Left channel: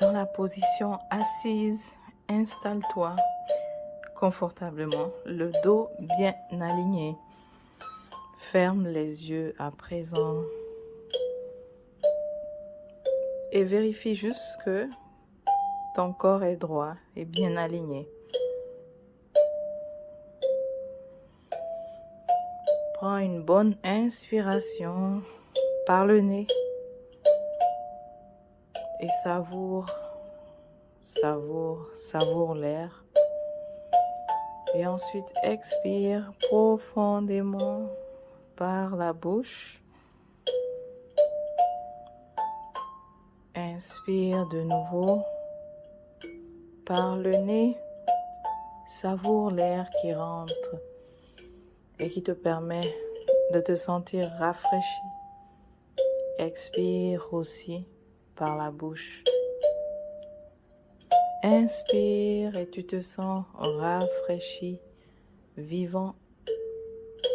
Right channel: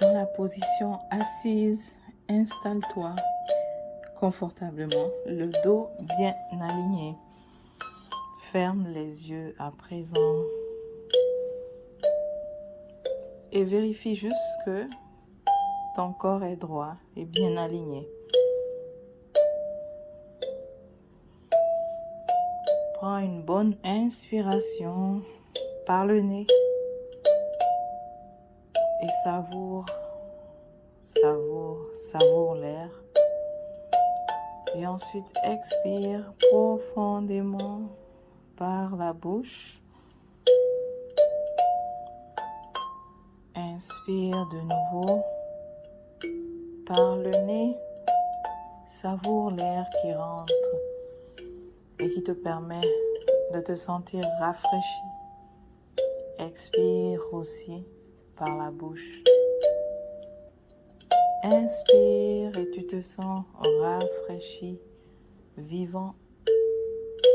Dans la position assise, installe-toi confortablement, le dos bien aligné. Ferme les yeux à présent et vérifie juste que ton corps est droit et bien aligné. Prends une bonne inspiration par le nez et savoure l'air. Et ensuite, expire profondément par la bouche. Inspire de nouveau par le nez. Savoure l'air qui rentre et qui te permet de te sentir rafraîchi. Expire aussi par la bouche. Inspire et tu te sens rafraîchi, vivant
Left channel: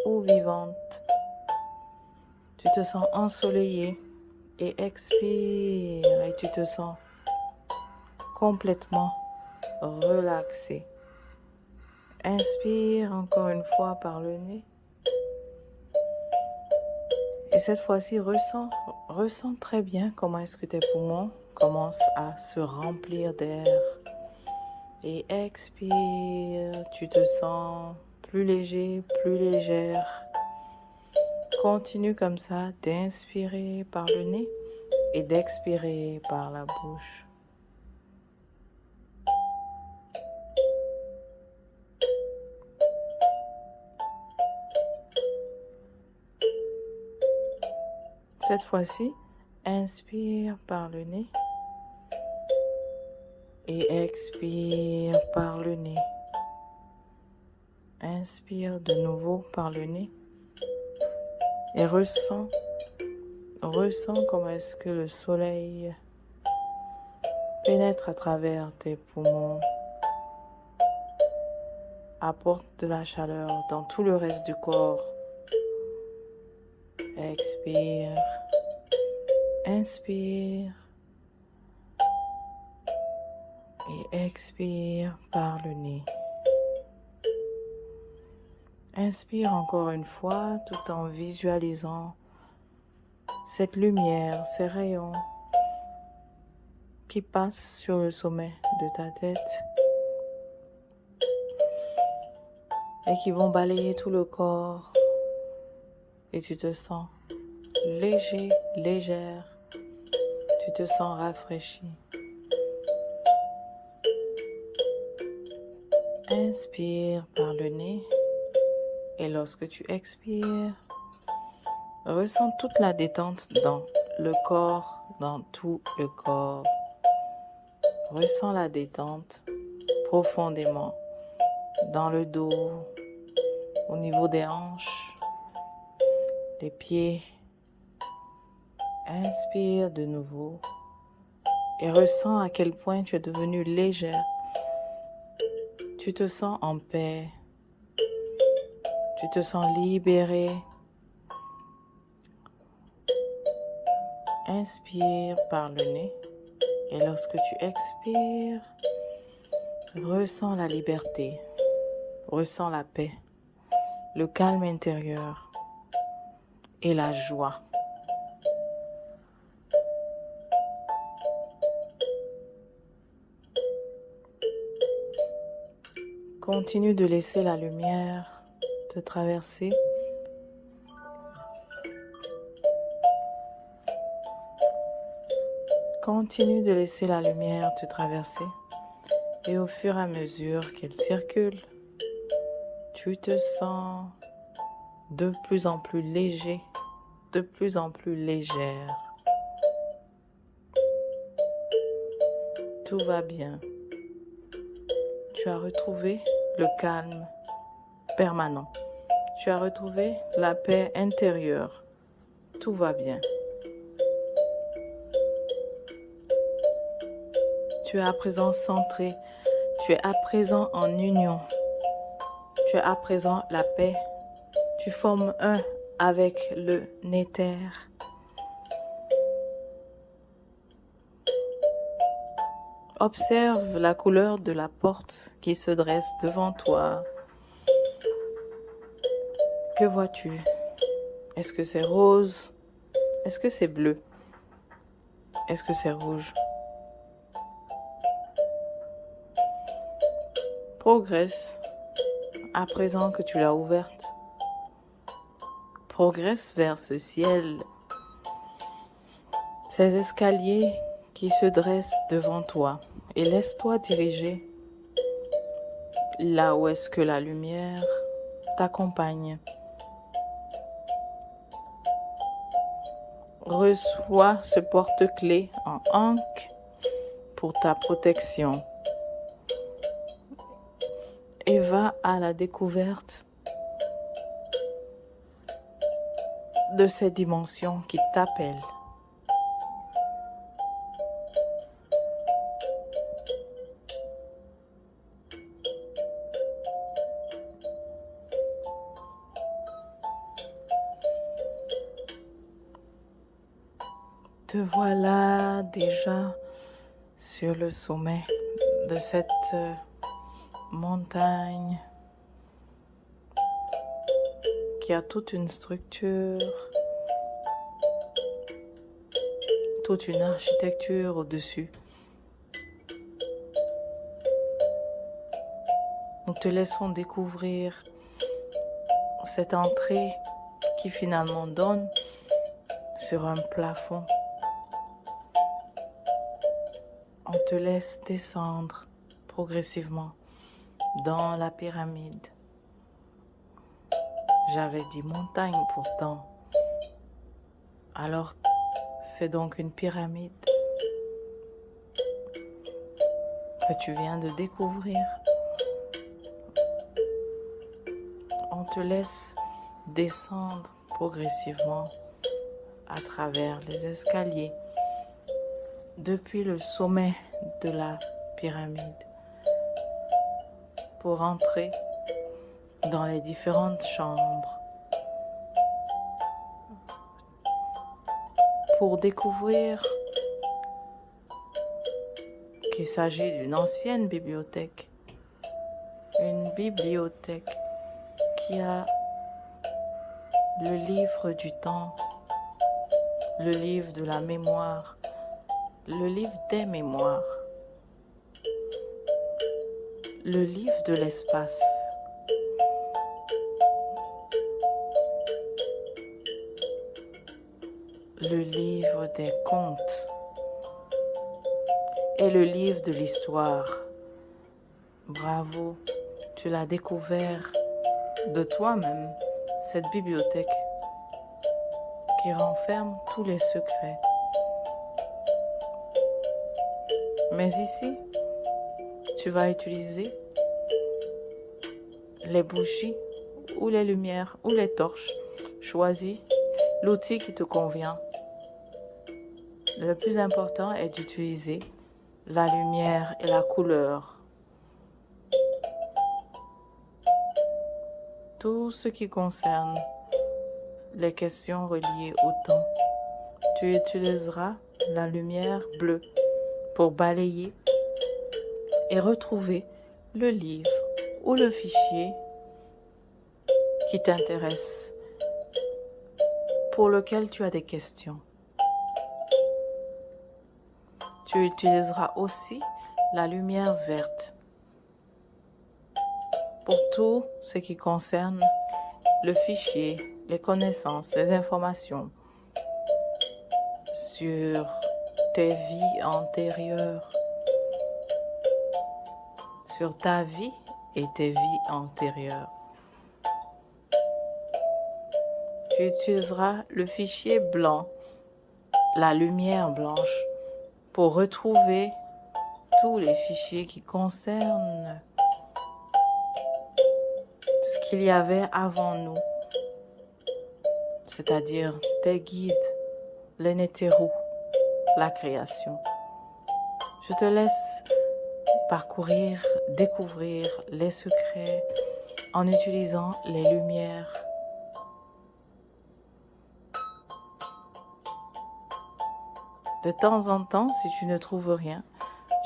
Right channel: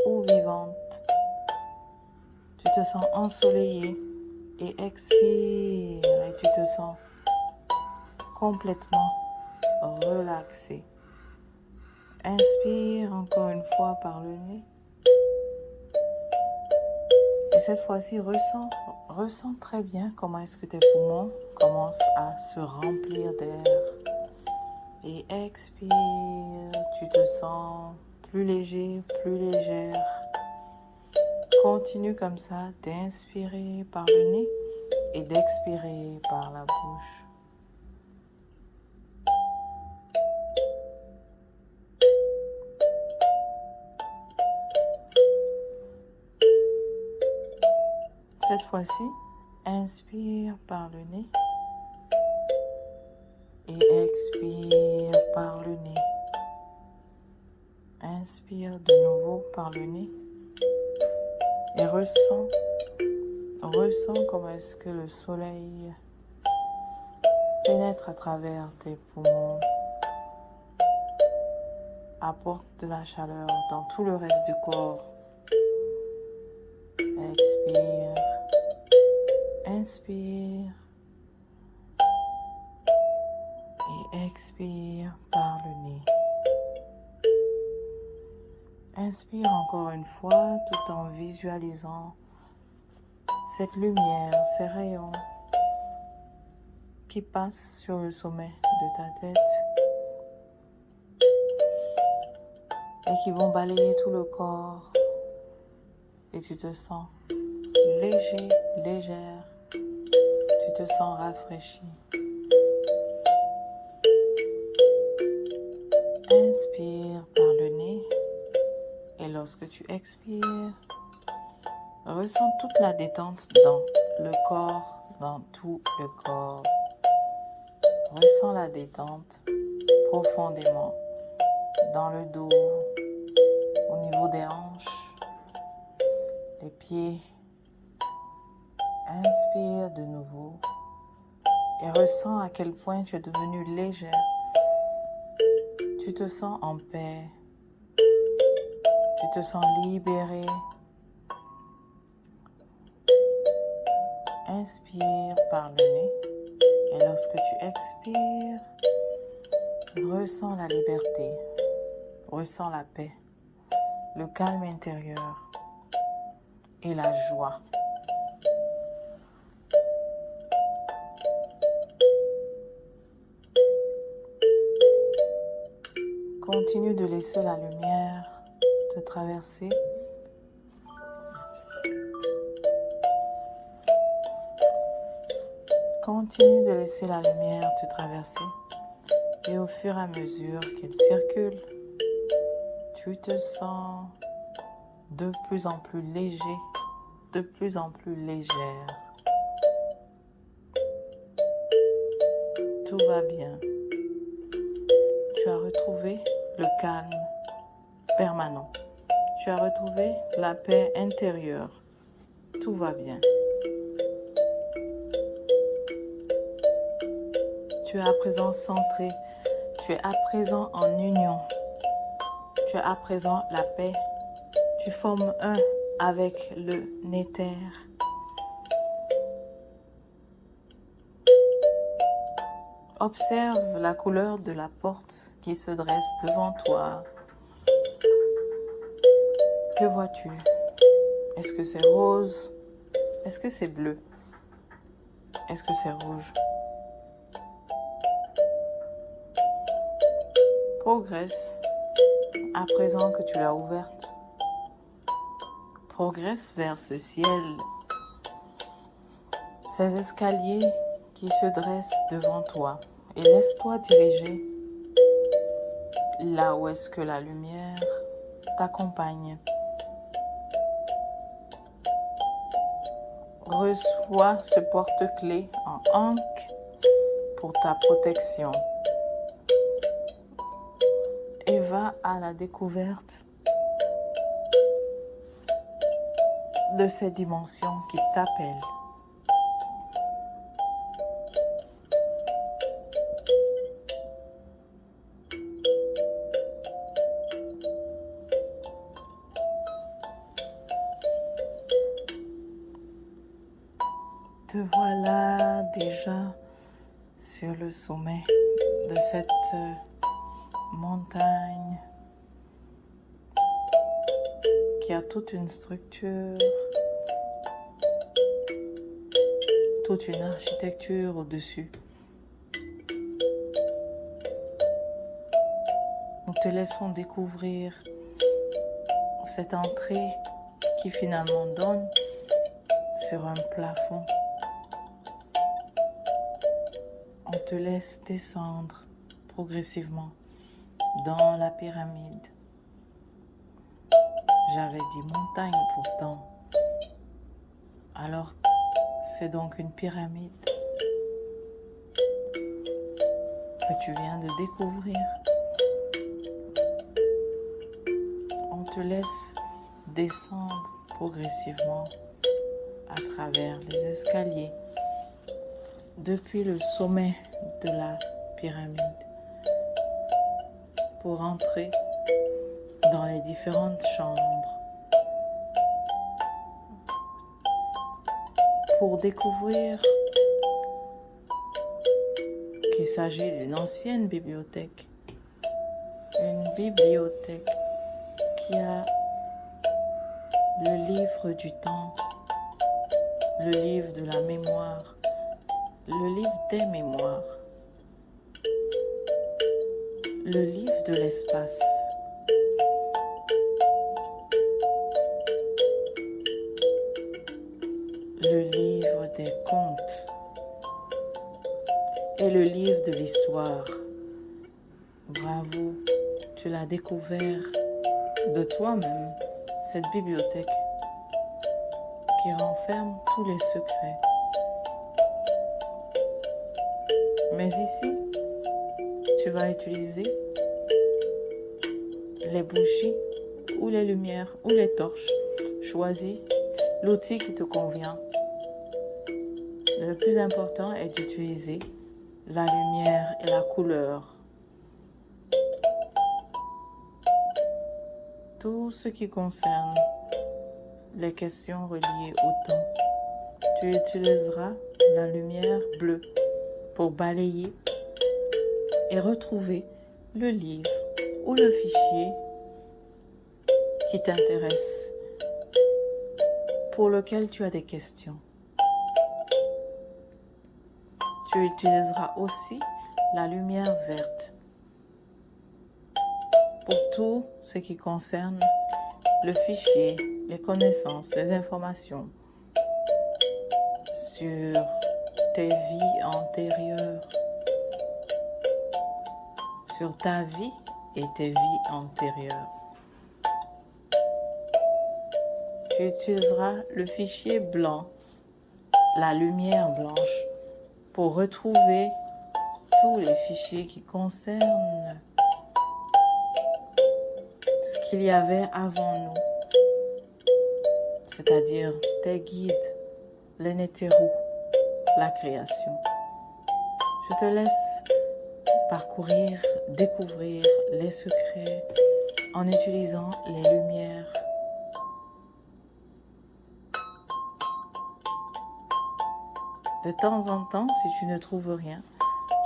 ou vivante. Tu te sens ensoleillé et expire et tu te sens complètement relaxé. Inspire encore une fois par le nez. Et cette fois-ci, ressens très bien comment est-ce que tes poumons commencent à se remplir d'air. Et expire, tu te sens plus léger, plus légère. Continue comme ça d'inspirer par le nez et d'expirer par la bouche. Cette fois-ci, inspire par le nez et expire par le nez. Inspire de nouveau par le nez et ressens comment est-ce que le soleil pénètre à travers tes poumons, apporte de la chaleur dans tout le reste du corps. Expire, inspire et expire par le nez. Inspire encore une fois tout en visualisant cette lumière, ces rayons qui passent sur le sommet de ta tête et qui vont balayer tout le corps. Et tu te sens léger, légère. Tu te sens rafraîchi. Inspire par le nez. Et lorsque tu expires, ressens toute la détente dans le corps, dans tout le corps. Ressens la détente profondément dans le dos, au niveau des hanches, des pieds. Inspire de nouveau et ressens à quel point tu es devenu légère. Tu te sens en paix. Tu te sens libéré. Inspire par le nez et lorsque tu expires, ressens la liberté, ressens la paix, le calme intérieur et la joie. Continue de laisser la lumière te traverser. Continue de laisser la lumière te traverser. Et au fur et à mesure qu'elle circule, tu te sens de plus en plus léger, de plus en plus légère. Tout va bien. Tu as retrouvé le calme permanent. Tu as retrouvé la paix intérieure. Tout va bien. Tu es à présent centré. Tu es à présent en union. Tu es à présent la paix. Tu formes un avec le Néther. Observe la couleur de la porte qui se dresse devant toi. Que vois-tu? Est-ce que c'est rose? Est-ce que c'est bleu? Est-ce que c'est rouge? Progresse à présent que tu l'as ouverte. Progresse vers ce ciel, ces escaliers qui se dressent devant toi et laisse-toi diriger là où est-ce que la lumière t'accompagne. Reçois ce porte-clés en ankh pour ta protection et va à la découverte de ces dimensions qui t'appellent. Te voilà déjà sur le sommet de cette montagne qui a toute une structure, toute une architecture au-dessus. Nous te laissons découvrir cette entrée qui finalement donne sur un plafond. On te laisse descendre progressivement dans la pyramide. J'avais dit montagne pourtant. Alors, c'est donc une pyramide que tu viens de découvrir. On te laisse descendre progressivement à travers les escaliers depuis le sommet de la pyramide pour entrer dans les différentes chambres, pour découvrir qu'il s'agit d'une ancienne bibliothèque, une bibliothèque qui a le livre du temps, le livre de la mémoire, le livre des mémoires, le livre de l'espace, le livre des contes et le livre de l'histoire. Bravo, tu l'as découvert de toi-même, cette bibliothèque qui renferme tous les secrets. Mais ici, tu vas utiliser les bougies ou les lumières ou les torches. Choisis l'outil qui te convient. Le plus important est d'utiliser la lumière et la couleur. Tout ce qui concerne les questions reliées au temps, tu utiliseras la lumière bleue pour balayer et retrouver le livre ou le fichier qui t'intéresse, pour lequel tu as des questions. Tu utiliseras aussi la lumière verte pour tout ce qui concerne le fichier, les connaissances, les informations sur tes vies antérieures, sur ta vie et tes vies antérieures. Tu utiliseras le fichier blanc, la lumière blanche, pour retrouver tous les fichiers qui concernent ce qu'il y avait avant nous, c'est-à-dire tes guides, les Nétérous, la création. Je te laisse parcourir, découvrir les secrets en utilisant les lumières. De temps en temps, si tu ne trouves rien,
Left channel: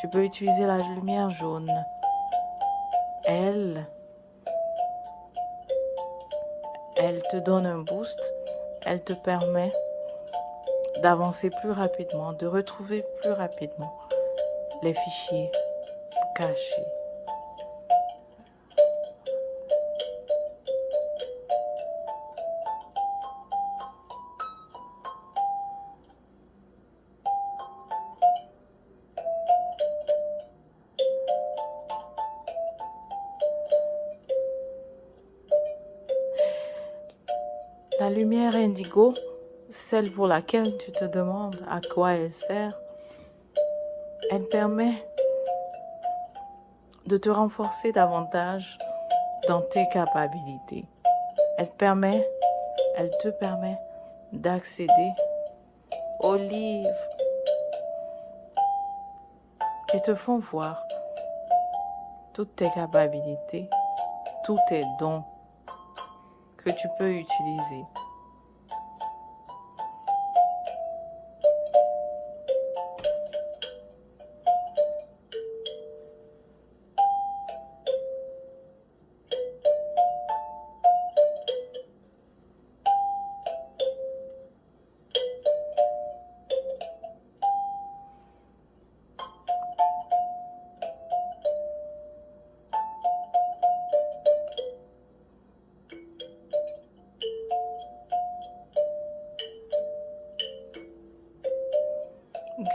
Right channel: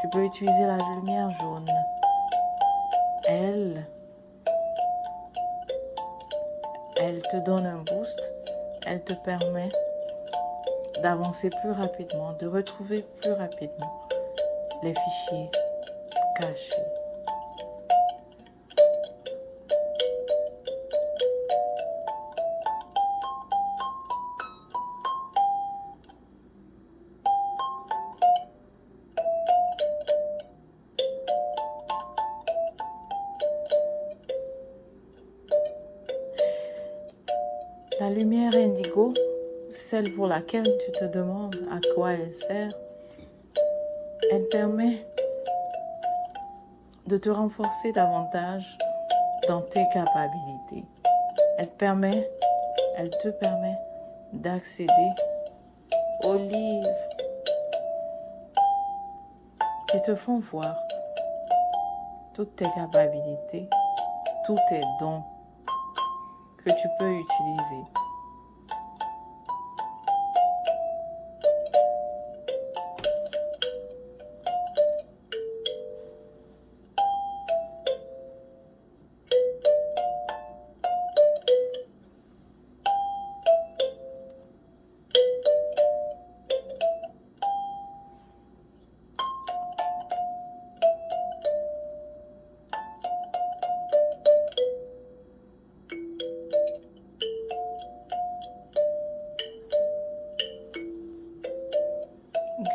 Tu peux utiliser la lumière jaune. Elle te donne un boost. Elle te permet d'avancer plus rapidement, de retrouver plus rapidement les fichiers cachés. La lumière indigo, celle pour laquelle tu te demandes à quoi elle sert, elle permet de te renforcer davantage dans tes capacités. Elle te permet d'accéder aux livres qui te font voir toutes tes capacités, tous tes dons que tu peux utiliser.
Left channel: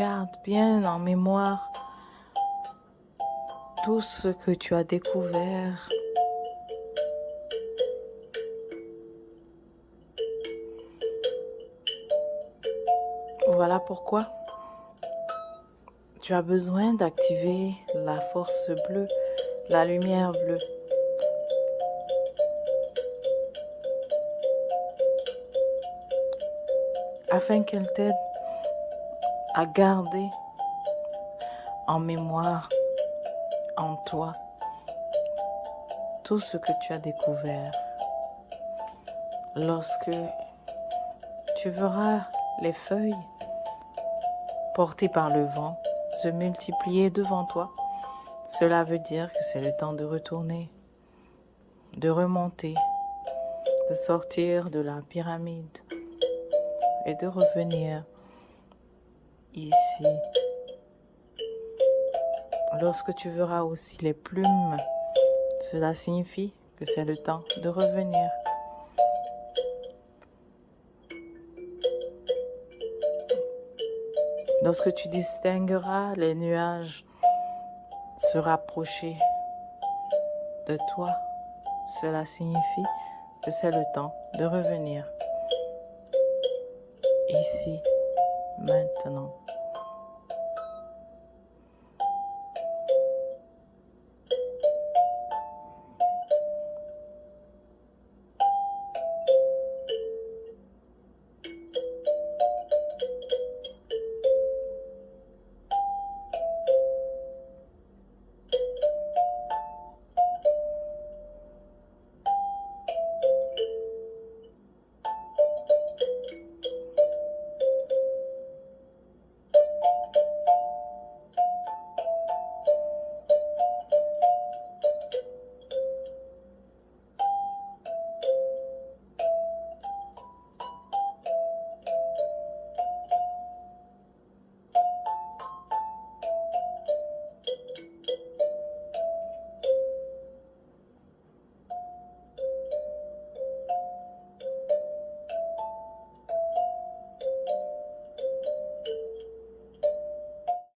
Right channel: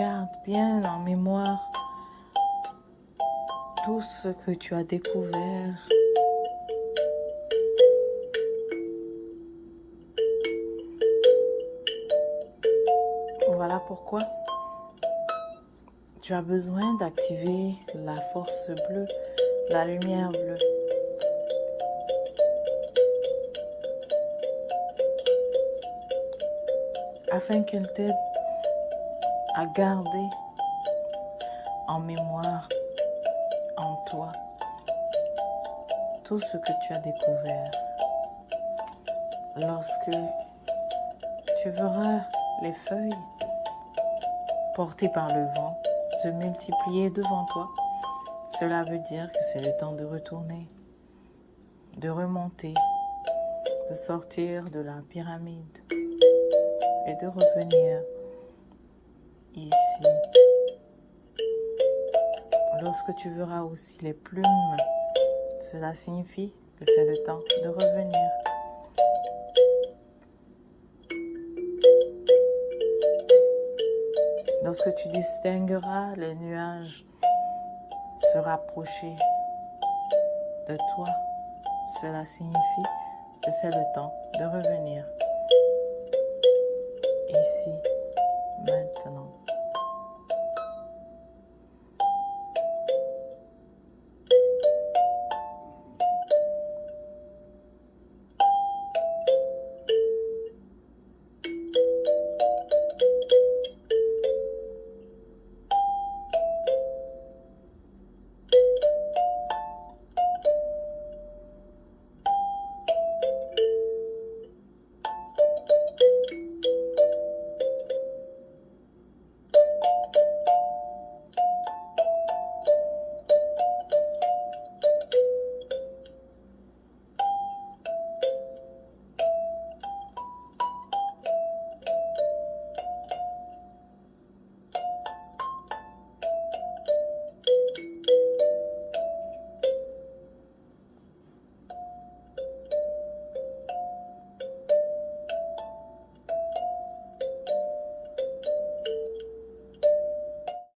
Garde bien en mémoire tout ce que tu as découvert. Voilà pourquoi tu as besoin d'activer la force bleue, la lumière bleue. Afin qu'elle t'aide à garder en mémoire, en toi, tout ce que tu as découvert. Lorsque tu verras les feuilles portées par le vent se multiplier devant toi, cela veut dire que c'est le temps de retourner, de remonter, de sortir de la pyramide et de revenir ici. Lorsque tu verras aussi les plumes, cela signifie que c'est le temps de revenir. Lorsque tu distingueras les nuages se rapprocher de toi, cela signifie que c'est le temps de revenir ici, maintenant.